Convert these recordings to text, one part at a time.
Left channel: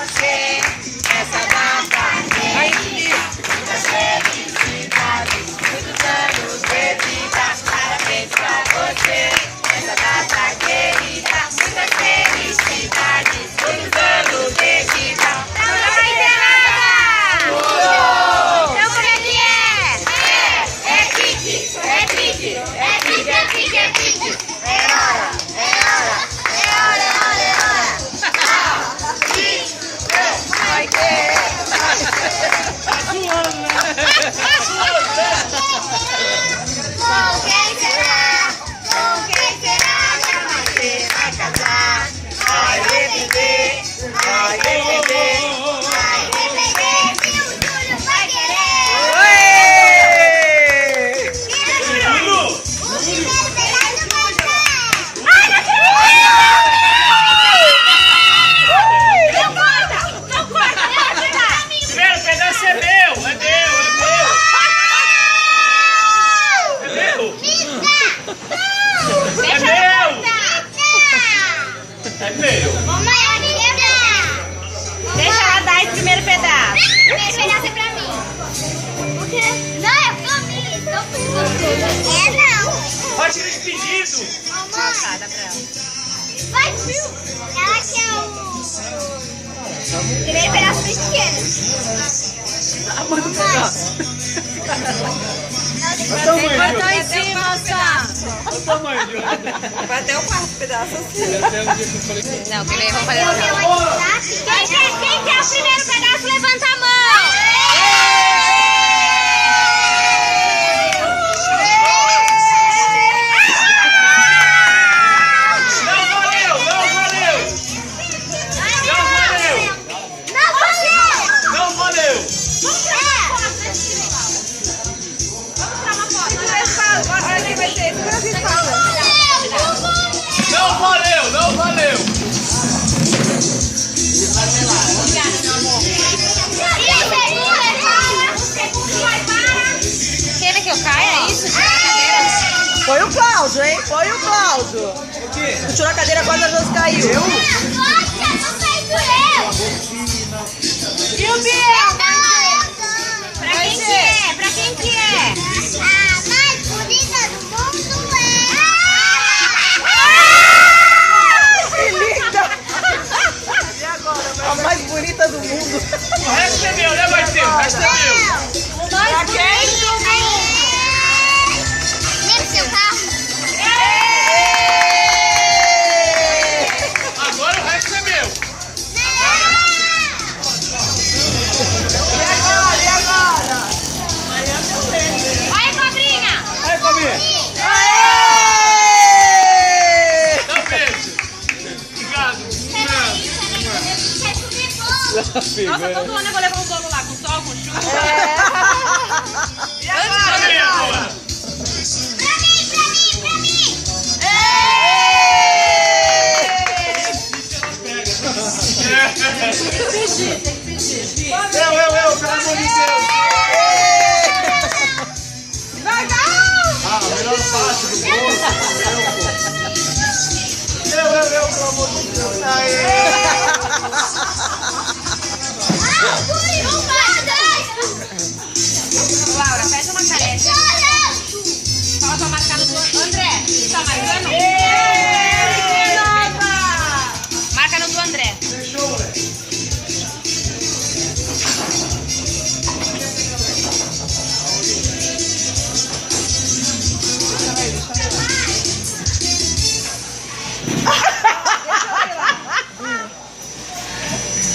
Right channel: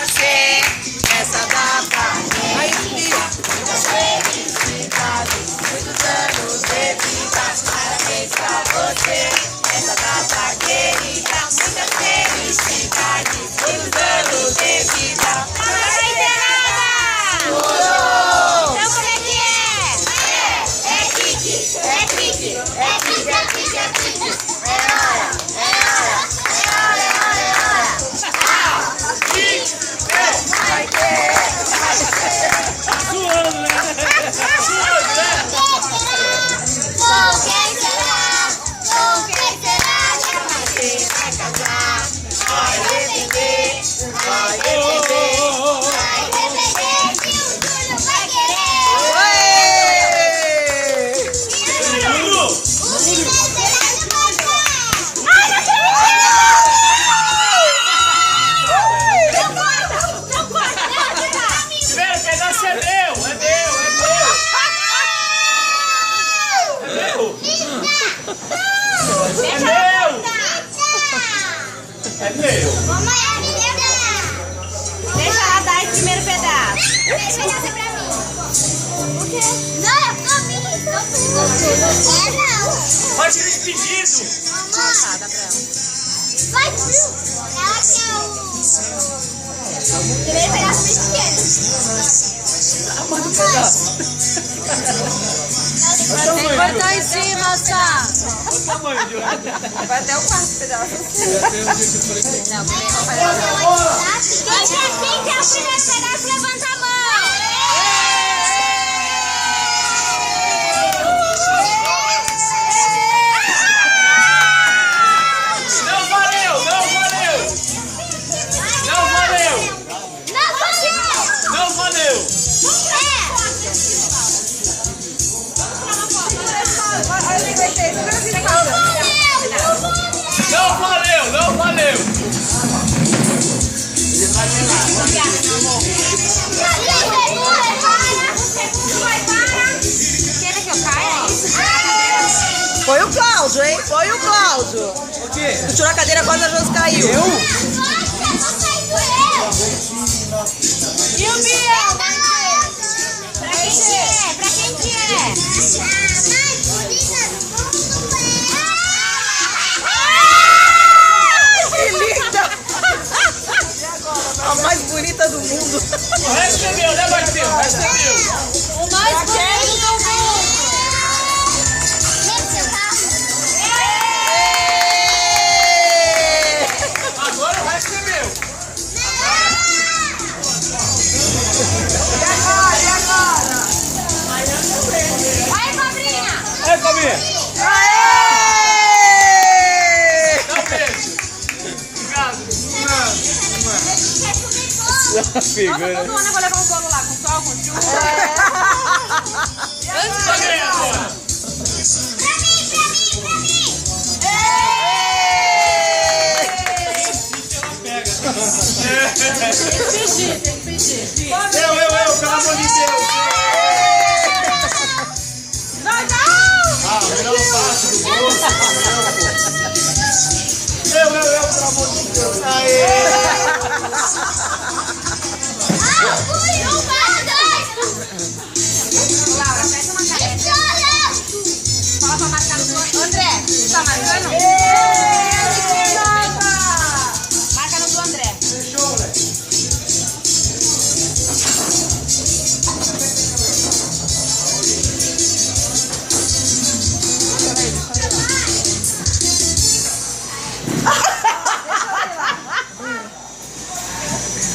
você nessa data feliz. Muitas felicidades, muitos anos de vida. Parabéns pra você nessa data querida. Muitas felicidades, muitos anos de vida. Não vai ter nada! Então como é que é? É pique, é pique, é pique, é pique, é pique. É hora, é hora, é hora, é hora, é hora. Vai ter. Com quem será? Com quem será? Já vai ter, vai casar. Vai defender, vai defender. Vai defender que o Júlio vai querer. Oi! O primeiro pedaço vai ser. Primeiro pedaço é meu, é meu, é meu. É meu. É meu. Mamãe, deixa ela dar esse primeiro pedaço. Esse pedaço é pra mim. Por quê? Não, é pra mim. É não. Pode ser despedido. Mamãe. Tá, dá pra ela. Vai, viu? Ela quer o primeiro pedaço do esquerdo. Mamãe. Cortar em cima, Sá. Vai até o quarto pedaço. Não, primeiro vamos fazer o meu aqui, tá? Quem quer o primeiro pedaço, levanta a mão. Não valeu, não valeu. Não valeu. Não valeu. Vamos tirar uma foto. Não valeu, não valeu. Obrigada, meu amor. Quer que eu caia, é isso? Foi o Cláudio, hein? Foi o Cláudio. O quê? Tu tirou a cadeira, quase a Josi caiu. Nossa, não saiu eu. E o Biel? Pra quem que é? Pra quem que é? A mais bonita do mundo Que linda! E agora? A mais bonita do mundo. O resto é meu, né, Marcelo? O resto é meu. O mais bonito. Lembra seu carro? Agora o resto é meu. Olha, cobrinha. É, Camila. Aê! Dá um beijo. Obrigado. Nossa, todo ano eu vou levar um bolo lá, com sol, com chuva. E agora? Pra mim. Eu, pelo amor de Deus. Ah, melhor parte do bolo. Eu, pelo amor de Deus. Aê. Laura, fecha uma careca. Fala pra marcar no do André. Tá marcando? Marca no do André.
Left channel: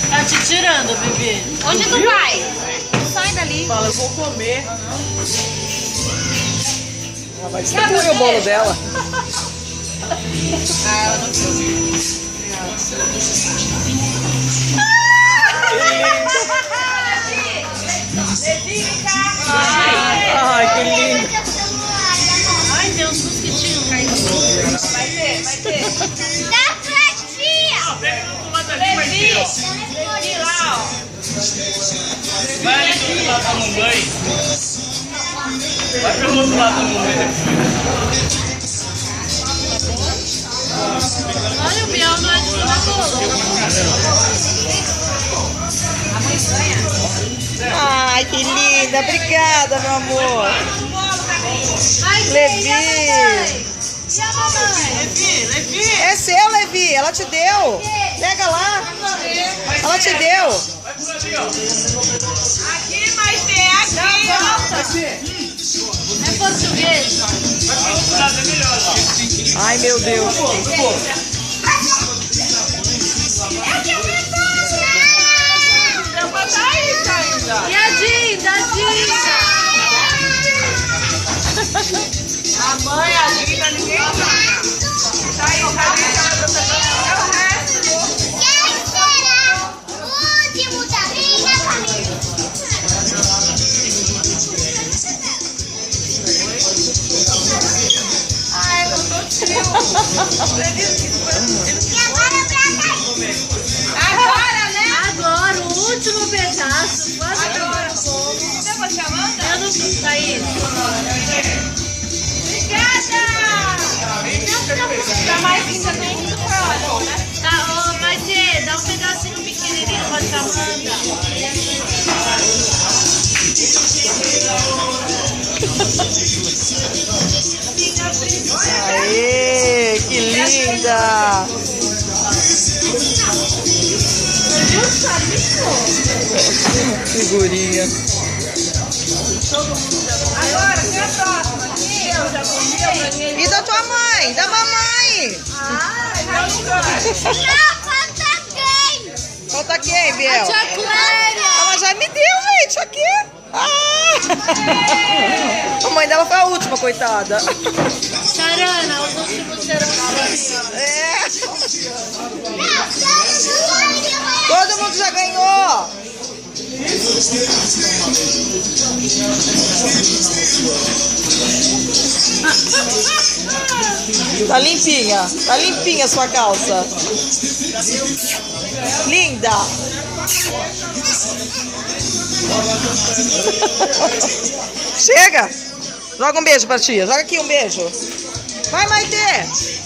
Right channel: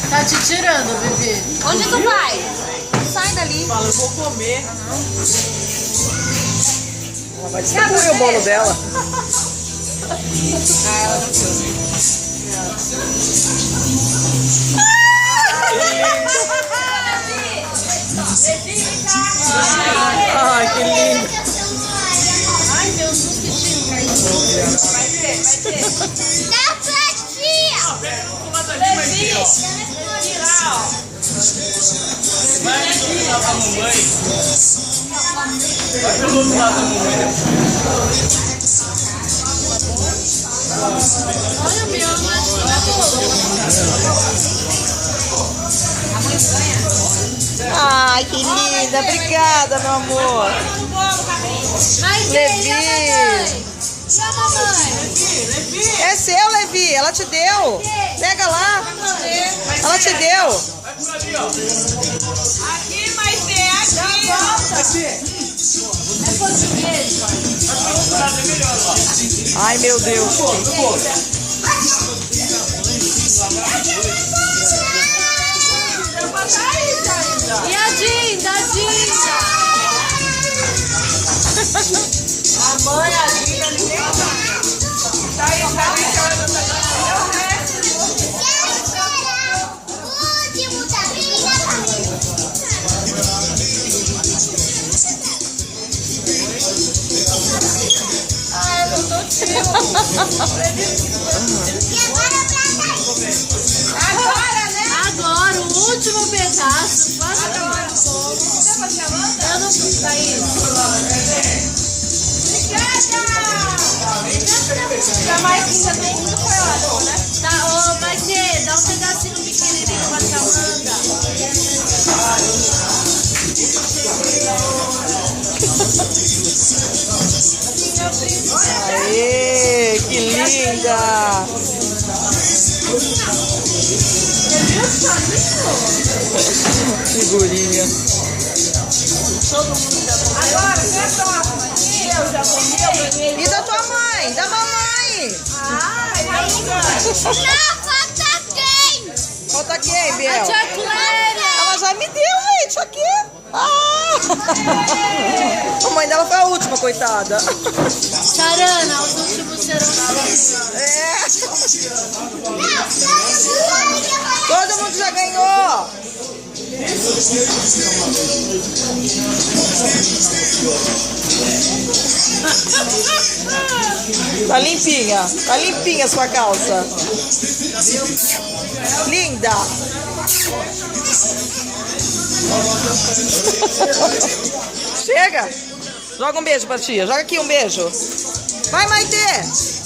Tá te tirando, bebê. Onde tu vai? Sai dali. Fala, eu vou comer. Ela vai distribuir o bolo dela. Ai, que lindo. Ai, tem uns mosquitinhos caindo. Ah, pega do outro lado ali, Marcelo. Vai ali do outro lado da mamãe. Vai pelo outro lado da mamãe depois. Olha, o Biel não é de bolo. Ai, que linda. Obrigada, meu amor. Levi. É seu, Levi. Ela te deu. Pega lá. Ela te deu. Aqui vai ter, aqui. É português. Ai, meu Deus. E a Jean, A mãe, a vida, ninguém vai. Quero esperar o último da minha família. E agora pra Agora, né? agora, o último pedaço. Agora. Você vai chamando? Eu não fiz isso. Obrigada! Pra mais que ainda tem muito foi ótimo, né? Tá, vai ser, dá um pedacinho pequenininho pra Aê, que linda. Figurinha. Agora, quem é a próxima? Aqui, eu já comi, eu ganhei. E da tua mãe? Da mamãe. Ai, tá Falta quem, Biel? Clara! Ela já me deu, gente, aqui. Ah! A mãe dela foi a última, coitada. Sarana, os últimos serão É. Todo mundo já ganhou. Tá limpinha a sua calça. Linda. Chega. Joga um beijo pra tia. Joga aqui um beijo. Vai, Maitê.